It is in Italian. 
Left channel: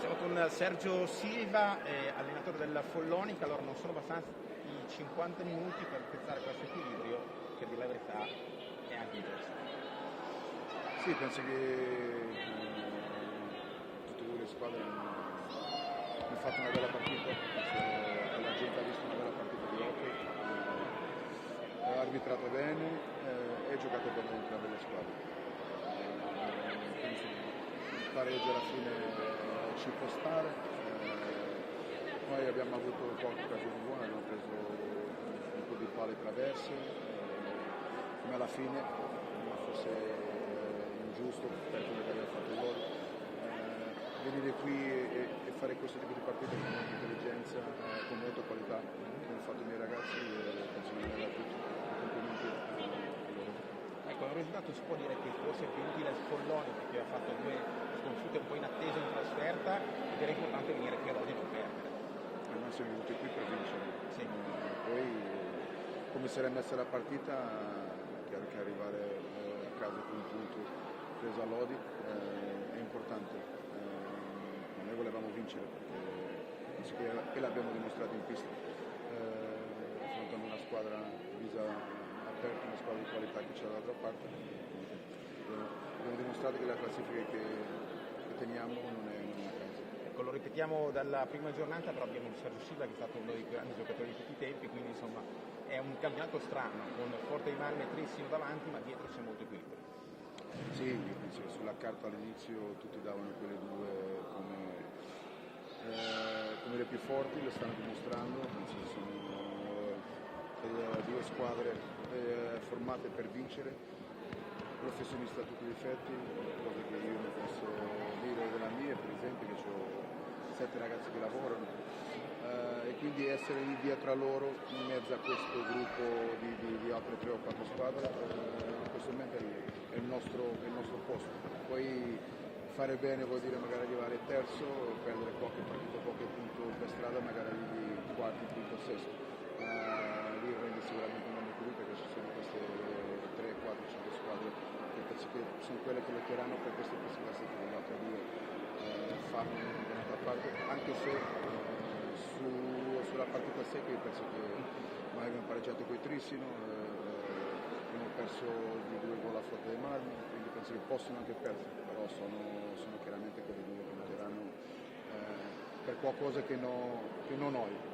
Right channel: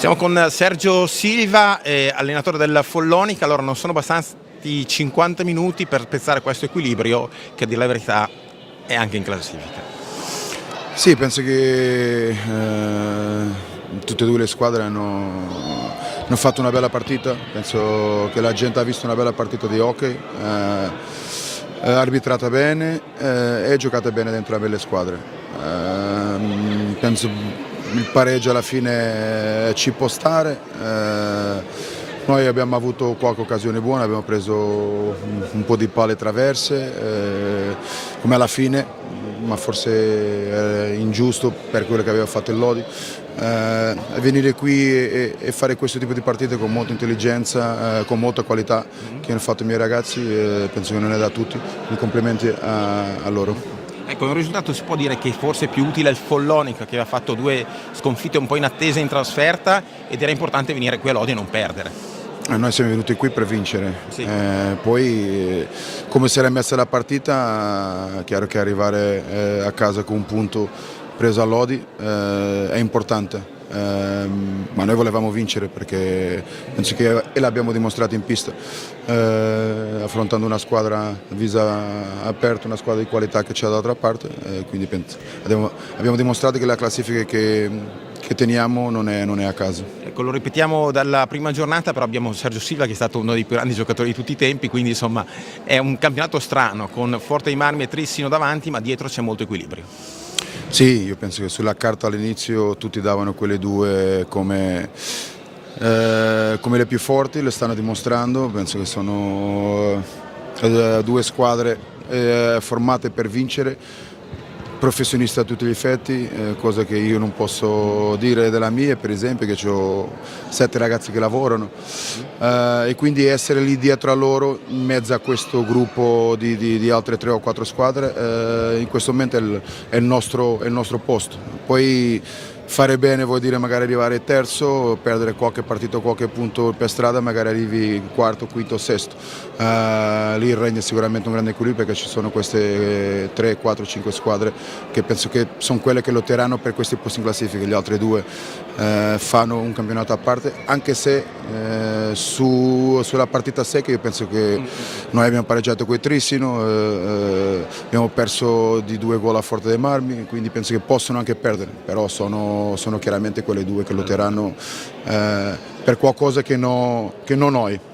Siamo con Sergio Silva, allenatore del Follonica. Allora, non sono bastati 50 minuti per spezzare questo equilibrio che, a dire la verità, è anche in classifica. Sì, penso che tutte e due le squadre hanno fatto una bella partita. Penso che la gente ha visto una bella partita di hockey, arbitrata bene e giocata bene dentro le belle squadre. Penso il pareggio alla fine ci può stare. Noi abbiamo avuto qualche occasione buona, abbiamo preso un po' di palle traverse, come alla fine, ma forse era ingiusto per quello che aveva fatto il Lodi. Venire qui e fare questo tipo di partite con molta intelligenza, con molta qualità che hanno fatto i miei ragazzi, penso che non è da tutti. I complimenti a loro. Ecco, un risultato si può dire che forse è più utile al Follonica, che aveva fatto 2 sconfitte un po' inattese in trasferta, ed era importante venire qui a Lodi e non perdere. Noi siamo venuti qui per vincere, Sì. Poi come si era messa la partita, è chiaro che arrivare a casa con un punto preso a Lodi è importante. Ma noi volevamo vincere perché penso che l'abbiamo dimostrato in pista, affrontando una squadra a viso aperto, una squadra di qualità che c'è dall'altra parte, quindi abbiamo dimostrato che la classifica che teniamo non è a caso. Ecco, lo ripetiamo dalla prima giornata, però abbiamo Sergio Silva che è stato uno dei più grandi giocatori di tutti i tempi, quindi insomma è un campionato strano, con Forte dei Marmi e Trissino davanti, ma dietro c'è molto equilibrio. Sì, io penso che sulla carta all'inizio tutti davano quelle due come le più forti, le stanno dimostrando. Penso che sono due squadre formate per vincere, professionista a tutti gli effetti, cosa che io non posso dire della mia, per esempio, che ho 7 ragazzi che lavorano, e quindi essere lì dietro a loro, in mezzo a questo gruppo di altre 3 o 4 squadre, in questo momento è il nostro posto. Poi fare bene vuol dire magari arrivare terzo, perdere qualche partita o qualche punto per strada, magari arrivi quarto, quinto, sesto. Lì regna sicuramente un grande equilibrio perché ci sono queste 3, 4, 5 squadre che penso che sono quelle che lotteranno per questi posti in classifica. Gli altri due fanno un campionato a parte, anche se sulla partita secca io penso che noi abbiamo pareggiato con il Trissino, abbiamo perso di 2 gol a Forte dei Marmi, quindi penso che possono anche perdere, però sono chiaramente quelle due che lotteranno per qualcosa che non noi.